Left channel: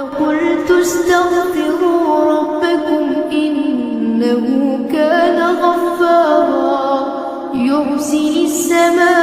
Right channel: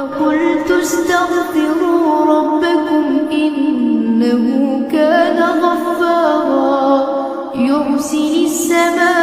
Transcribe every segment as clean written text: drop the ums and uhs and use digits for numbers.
قلت استغفروا ربكم إنه كان غفارا يرسل السماء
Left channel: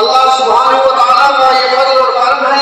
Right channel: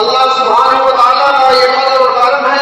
अल्लाह सुब्हानहू व तआला का ये फज़ल और करम है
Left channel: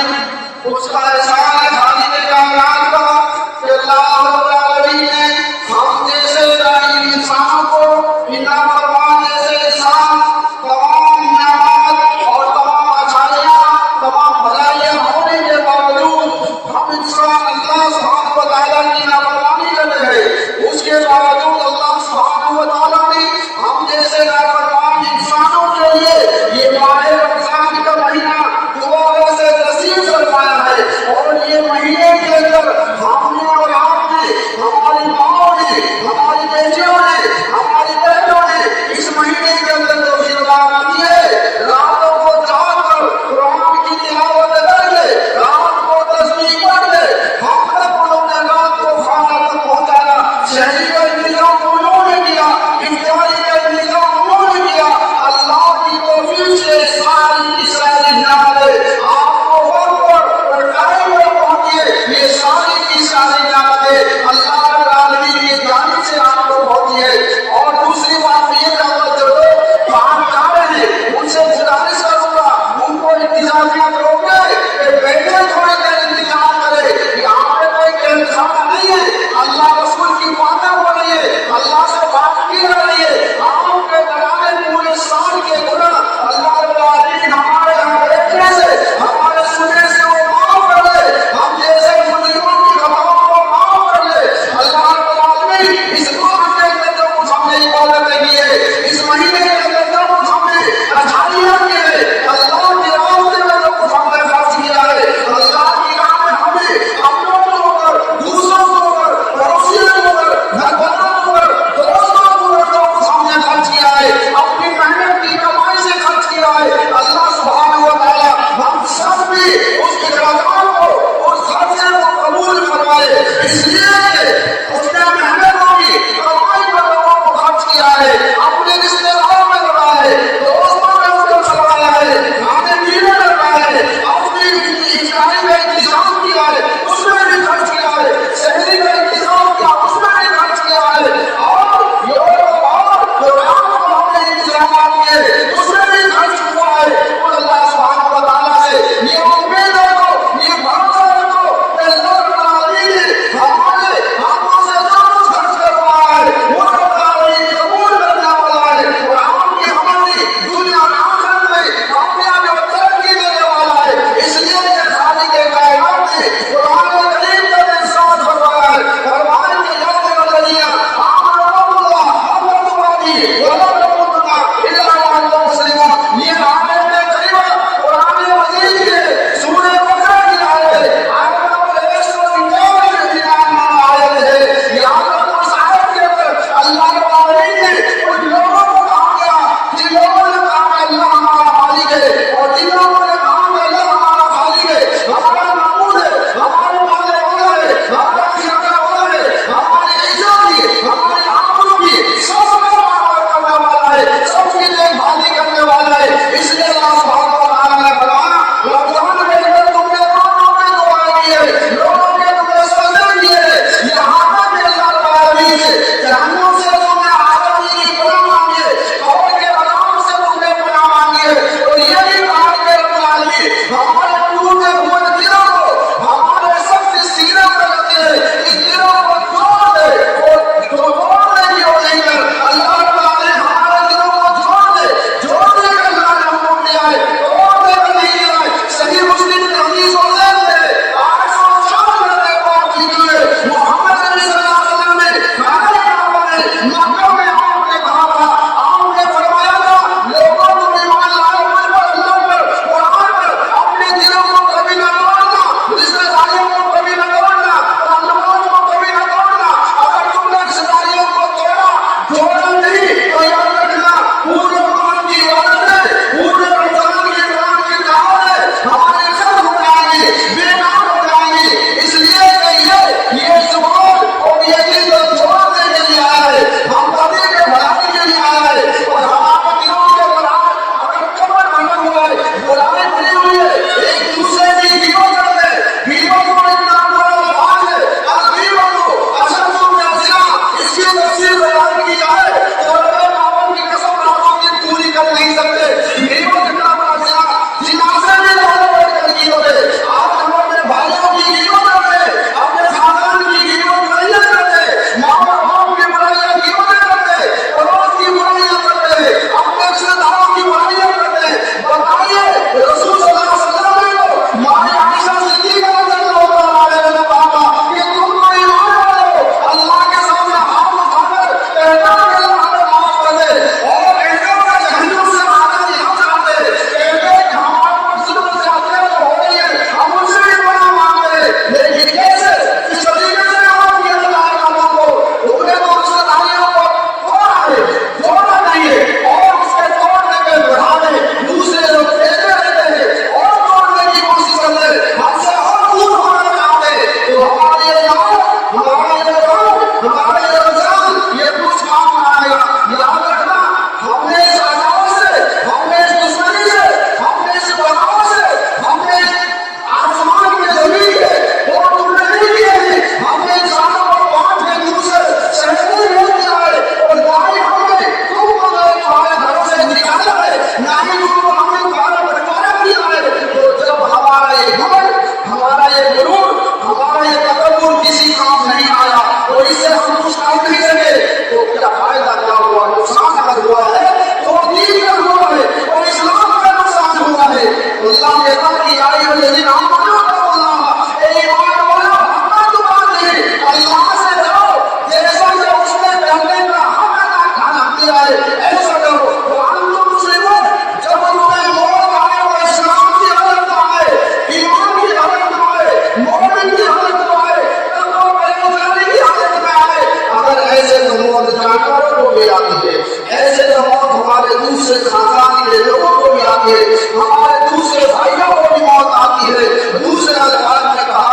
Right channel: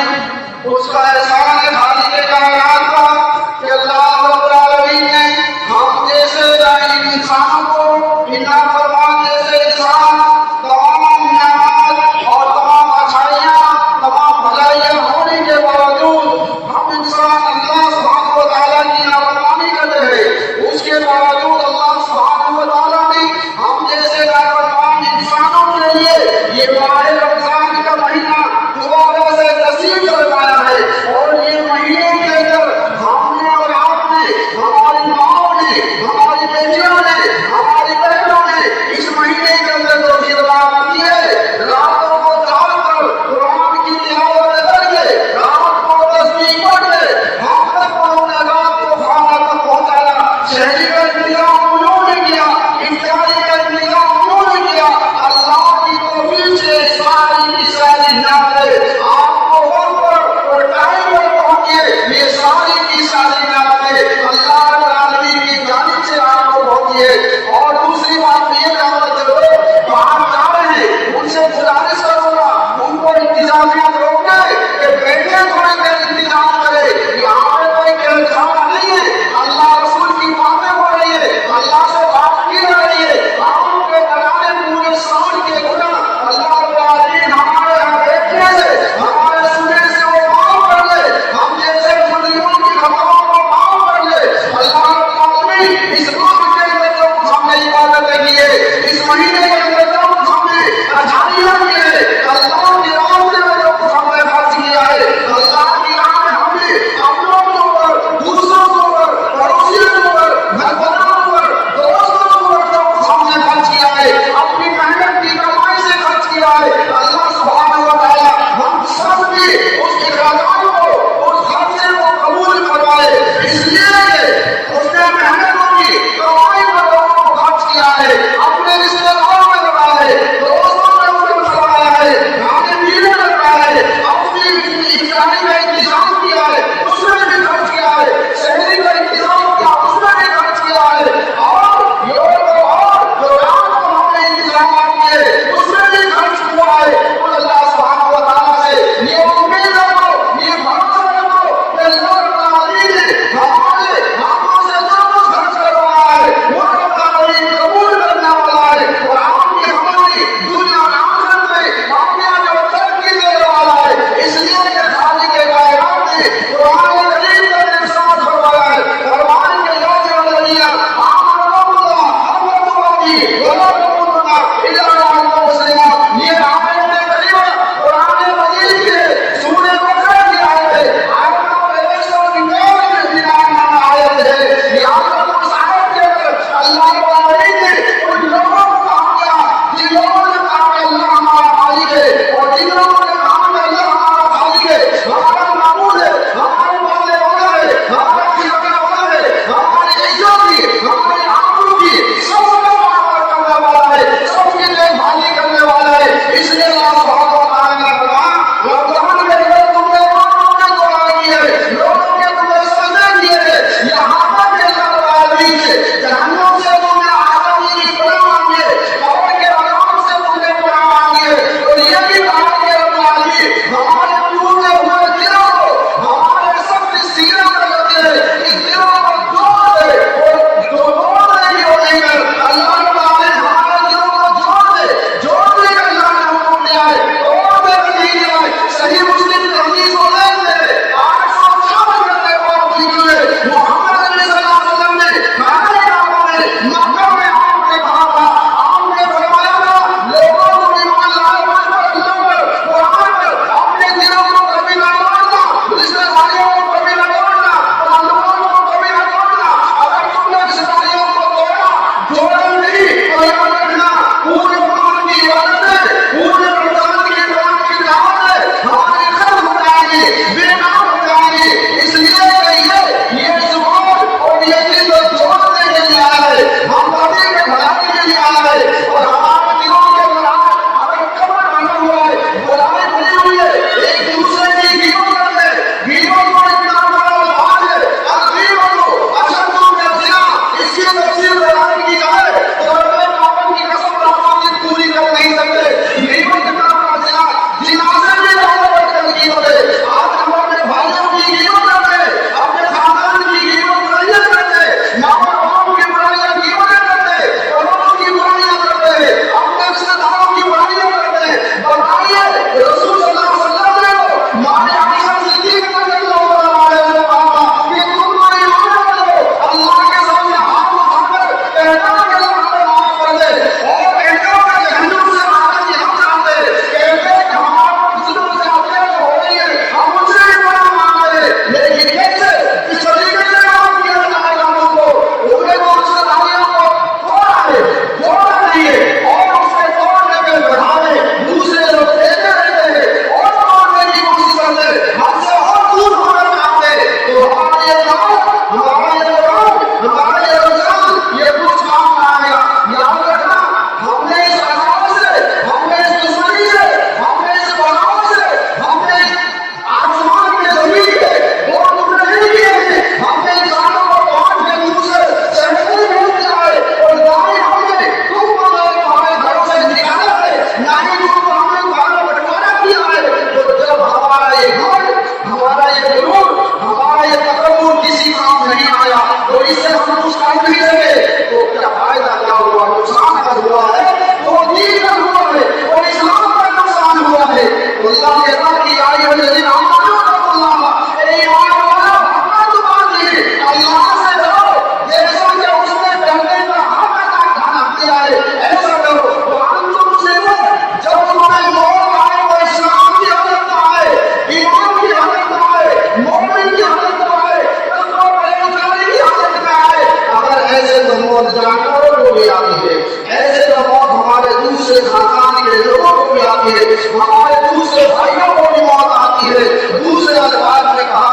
दूसरे खानदान के लोगों को भी आती है, हमारे दूसरे भाइयों को भी मौत आती है। दूसरे अल्फाज में कहा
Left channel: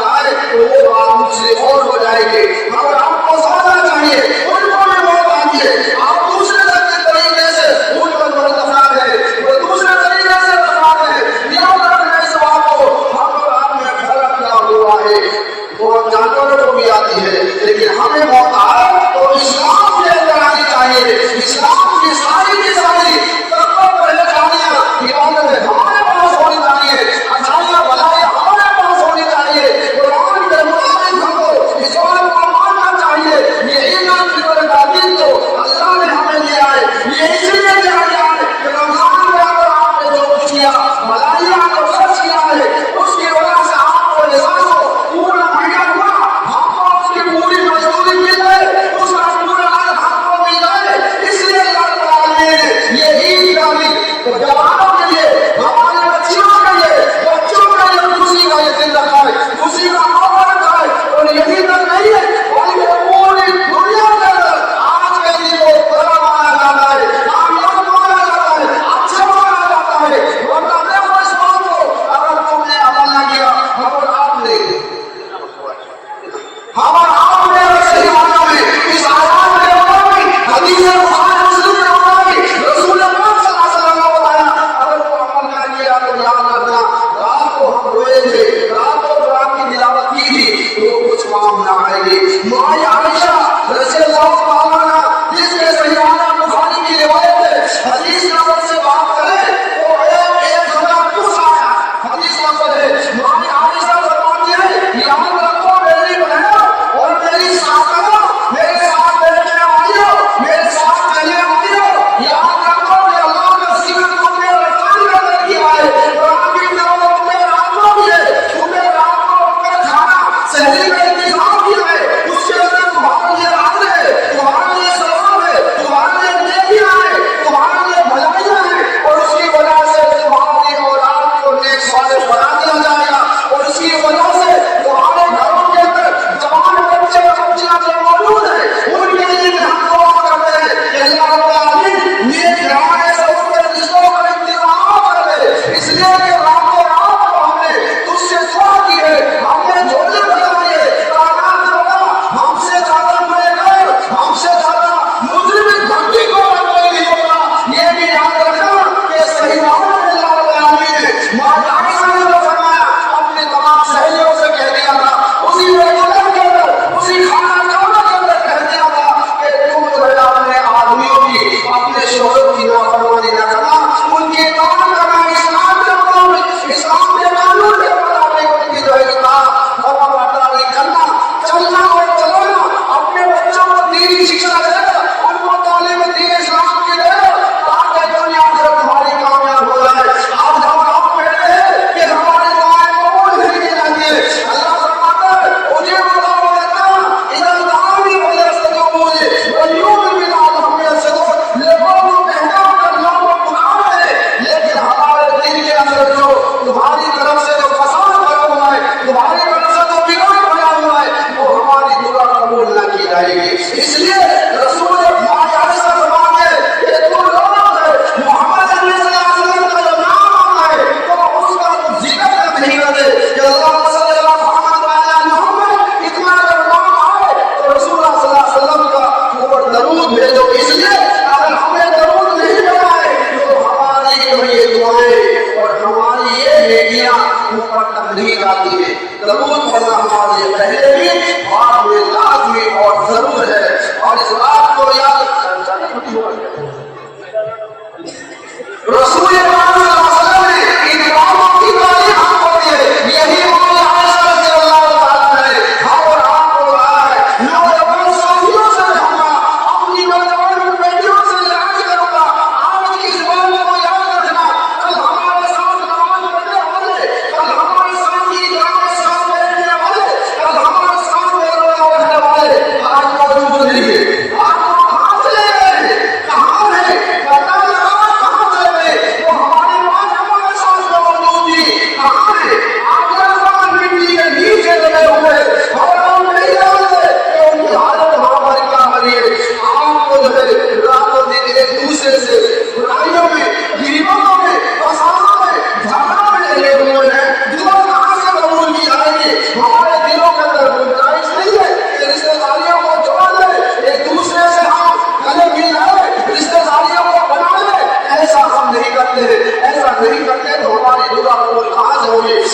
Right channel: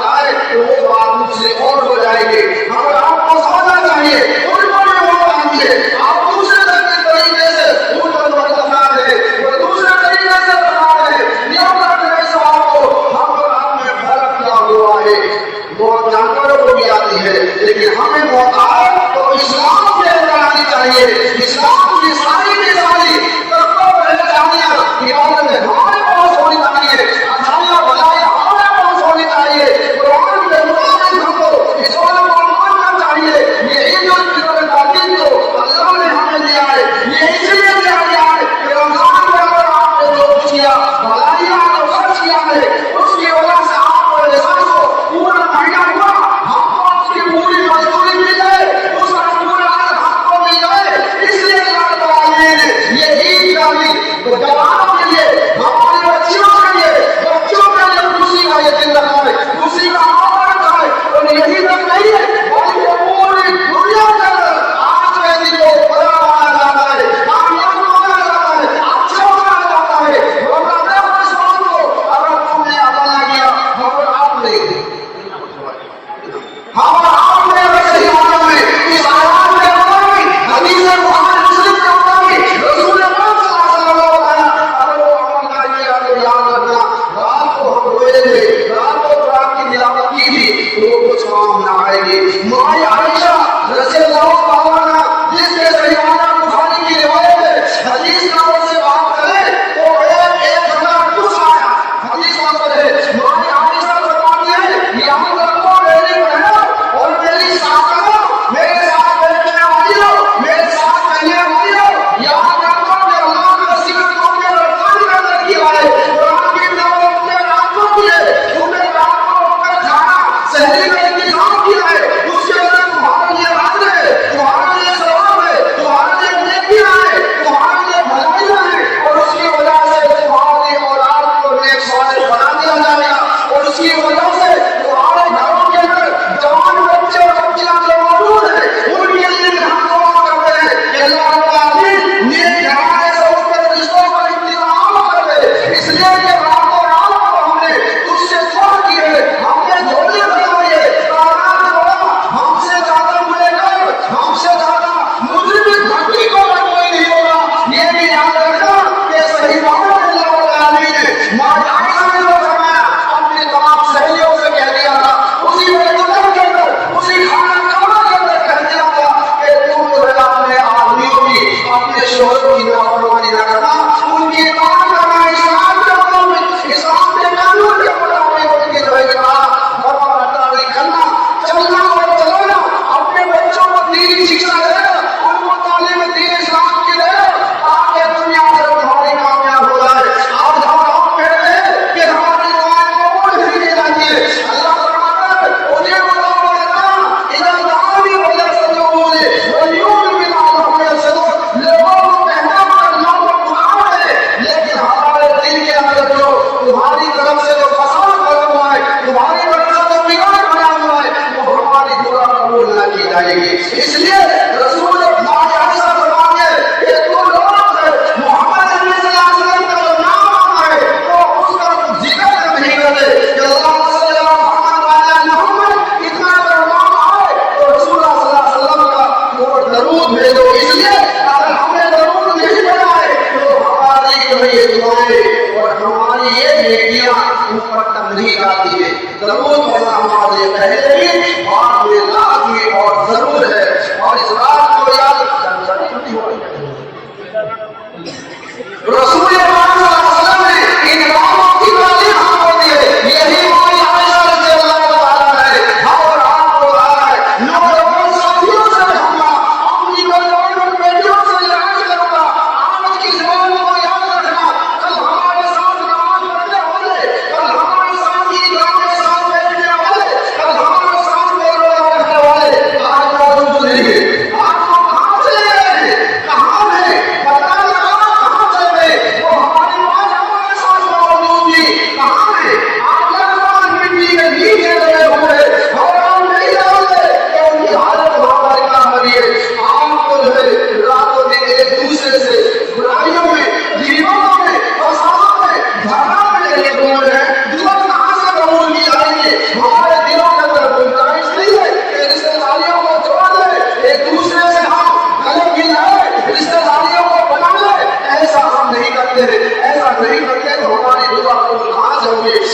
जाए तो वो बात मुझसे और हो जाएगी। अगर आपको सोचना चाहिए उनको भी मौत आती है, आप दूसरे तरीके से उनको दफना है, वो दूसरे तरीके से दफना है। याद रखने से आपको हम में फर्क क्या हुआ है। मौत जानवरों को भी आती है, लेकिन हमें मौत आए तो इस्लाम के अंदर आनी चाहिए। इस्लाम की सारी तत्वों पहले जानिए, हमारे पास होनी चाहिए, अच्छाइयाँ भलाई हमारे पास होनी चाहिए। कुरान के मुताबिक हमको इस्लाम को मानना चाहिए। ये इल्म और तालीम तो अल्लाह ने हमें दिया है, ये इसलिए दिया गया है कि रमजान में अगर आपने जो कुछ किया, भलाइयाँ आपने खर्च किया है, उसकी वजह से आपको लिबास को पूरा महीना हुआ, हमको उसकी पूरी मजदूरी मिल जाए, उसका पूरा हमको मिल जाए। इसलिए ये ईद डाली तो जवानों के लिए, हमारे बच्चों के लिए खुशी का ये दिन रखा है, खुशी का माहौल रखा है। और यही तक नहीं है, बल्कि पूरी दुनिया के अंदर आज के दिन को बड़ा माना जाता है, कामयाब माना जाता है, अच्छा माना जाता है। अगर तुमने अपना किया, अगर आपने आपने रखे माना में इस आराम के मुताबिक हदीस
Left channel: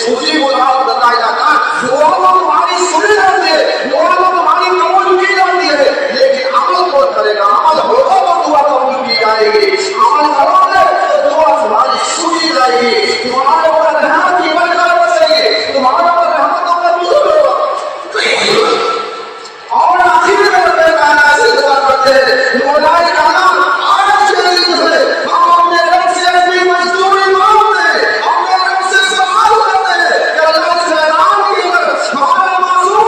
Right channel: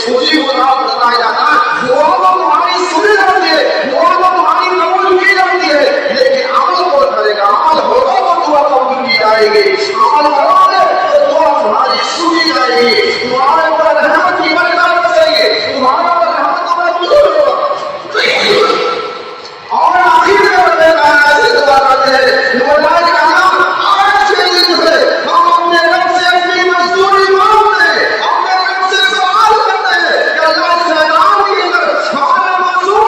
उसी को रात बताया जाता है। दुआ तो तुम्हारी सुनी जाती है, दुआ तो तुम्हारी कबूल की जाती है, लेकिन अमल तो करेगा, अमल होगा तो दुआ कबूल की जाएगी, अमल होगा तो दुआ तुम्हारी सुनी जाएगी, तुम्हारे ऊपर रहमत की बरकत बरसेगी, तुम्हारे ऊपर रहमत का नज़ूल होगा। और आखिर में अपने कायनात से दुआ करते हैं, मौला के अल्लाह आज के दिन से हम अपने रब से अपनी मजदूरी मांगते हैं, अपने रब से सवाल करते हैं कि अल्लाह इस मैदान के अंदर हमारे मासूम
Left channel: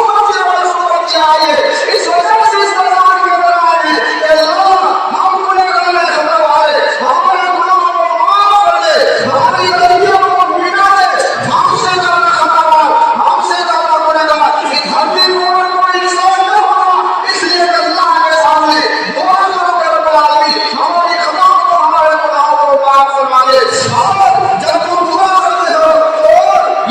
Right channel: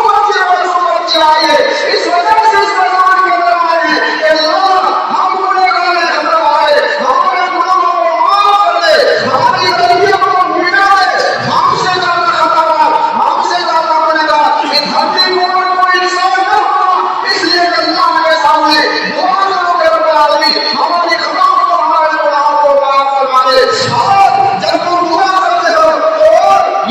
बच्चे आए, इस वजह से इस मैदान के अंदर आए कि अल्लाह हम गुनहगार हैं, हमारे गुनाहों को माफ कर दे, हमारी गलतियों को मिटा दे, हमसे ज्यादा खतरनाक, हमसे ज्यादा गुनहगार इस धरती को इंसान न होना, इसलिए अल्लाह के सामने दुआ करो कि रब्बुल आलमीन हमारी खताओं को, हमारे गुनाहों को माफ फरमा दे। और जब तुम दुआ करते हो तो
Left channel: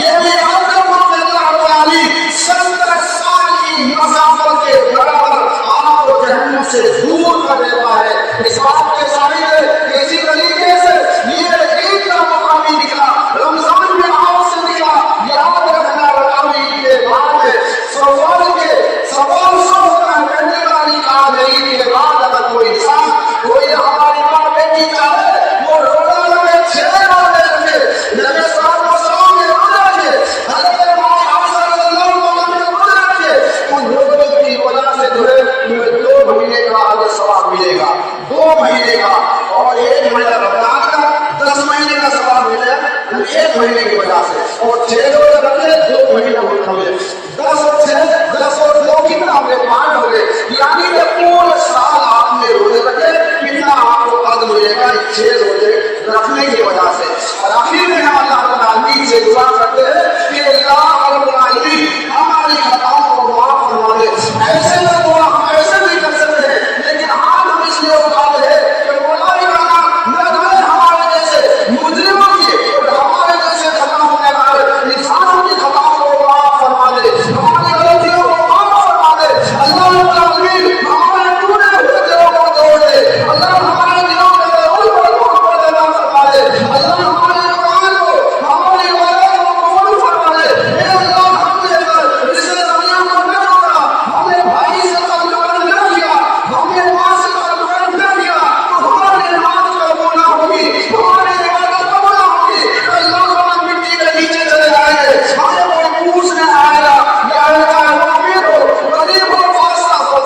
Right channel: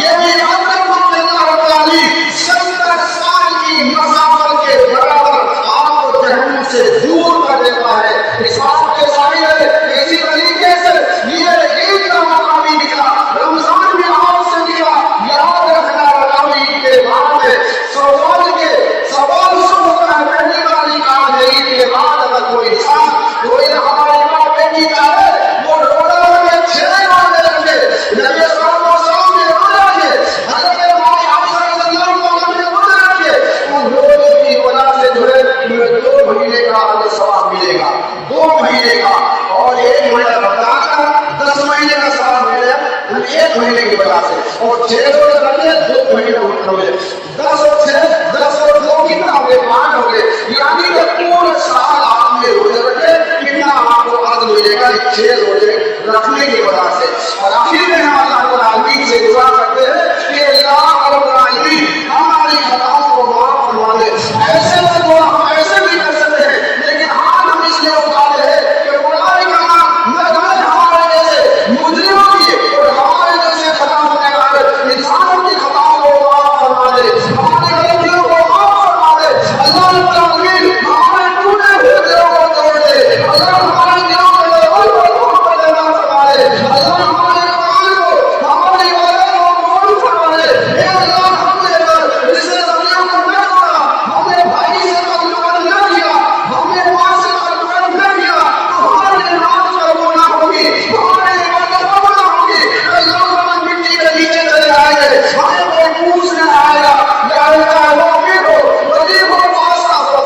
ये भी याद रखो कि अल्लाह रब्बुल आलमीन 70 साल की मसाफत के बराबर आपको जहन्नम से दूर कर देता है। इस बात के जाहिर है इसी तरीके से ये ईद का मौका भी निकला, रमजान भी आपसे निकला। याद रखना रमजान के बाद में सवाल शुरू होता है, पहली वाली काम है ईद के बाद अगर कोई इंसान कोई हमारी माँ बेटी का है वो रोजा में 6 रोजे रखे, नबी सल्लल्लाहु अलैहि वसल्लम ने रोजा रखे, हज़रत इमाम हसन सल्लल्लाहु अलैहि वसल्लम ने रोजा रखे, उन रोजे की वजह से तुम्हें 2 महीने का सवाब मिलेगा, 2 महीने का, और 1 महीना रमजान का 10 महीने का सवाब मिलेगा 1 महीने की वजह से, और 6 रोजे रखते 2 महीने हो गए, 10 और 6 10 और 2 कितना हो गए, 5 हो गए, यानी कि पूरे साल आपने रोजे रखे, कितना आपको कर्ज मिलेगा 6 रोजे रखने की वजह से। और आखिर में हम अल्लाह रब्बुल आलमीन से दुआ करते हैं कि अल्लाह रब्बुल आलमीन हमारी खताओं को माफ फरमा दे। ऐसे में दुआ हम ऐसे भी कर सकते हैं, लेकिन हाथ हम इसलिए उठाते हैं कि मौला के अल्लाह न हमारे जैसे मुजरिमों की और हमारे जैसे खराब होने वाले इंसान की खताओं को माफ फरमा दे, हमारी गलतियों को माफ फरमा दे। अल्लाह रब्बुल आलमीन हमारे टूटे हुए दिलों को तोड़ दे, अल्लाह हमारे दिलों के अंदर मोहब्बत पैदा फरमा दे, अल्लाह हमारे ईमान को, हमारी इबादत को कबूल फरमा दे। हे अल्लाह हमने अगर रिश्तेदारियों को न तोड़ा, हमने भाई से ताल्लुकात न किया, हमने माँ से ताल्लुकात न किया, तो हमारी नमाज कबूल ना होगी, हमारी इबादत कबूल ना होगी। अल्लाह हम मिट्टी के नीचे चले जाएंगे, हमें कोई पूछने आएगा या अल्लाह मुमीन हो, गरीब हो, फासा हो,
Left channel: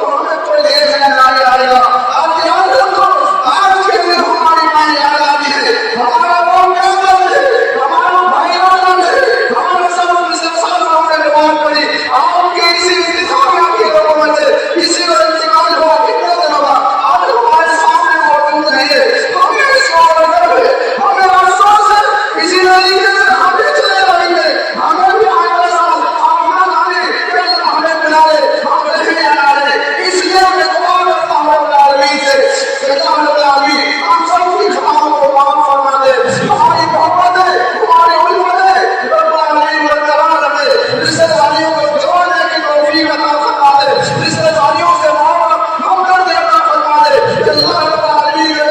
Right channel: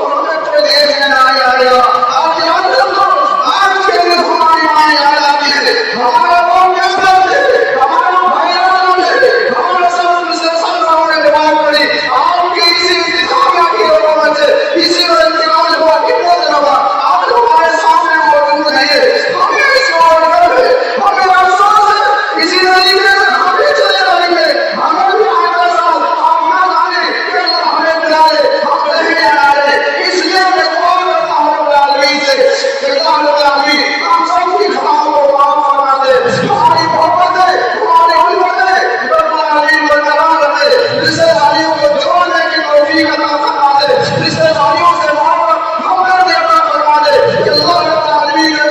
और हमें कोई देखने ना आएगा। आप याद रखो आज के दिन हमारी माँ याद आती है, हमारा कौन कैसा है, हमारा भाई याद आते हैं, हमारा सब हमने नमाज पढ़ी, आपकी इसी इंतजाम की हुकूमत से इसी का इंतकाल हुआ, कितना दिन हुआ, आज हमारे सामने मौजूद नहीं है, हमें इस और गर्व है, हमें अफसोस है, इसी तरीके से हम भी चले रहेंगे, हमें भी आगे साल आप न जाने कि अल्लाह हमें मिला दे, हम नहीं मिला दे। इसलिए मैं दुआ करता हूँ रब्बुल आलमीन से कि अल्लाह रब्बुल आलमीन हम सबकी खताओं को माफ फरमा दे, हमारी मोहब्बत दे, हमारी उल्फत दे, रब्बुल आलमीन बरकरार रखे, रिश्तेदारियों को जोड़ने की तौफीक अता फरमा दे, रिश्तेदारियों से मोहब्बत अता फरमा दे। अल्लाह रब्बुल आलमीन के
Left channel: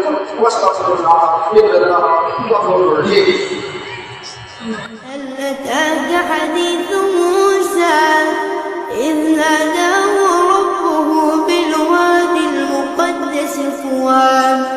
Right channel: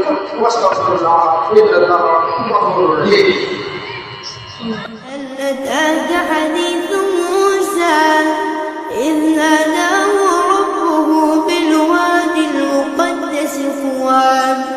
لكم واستغفر الله إن الله غفور رحيم. هل أتاك حديث موسى إذ ناداه ربه بالوادي المقدس طوى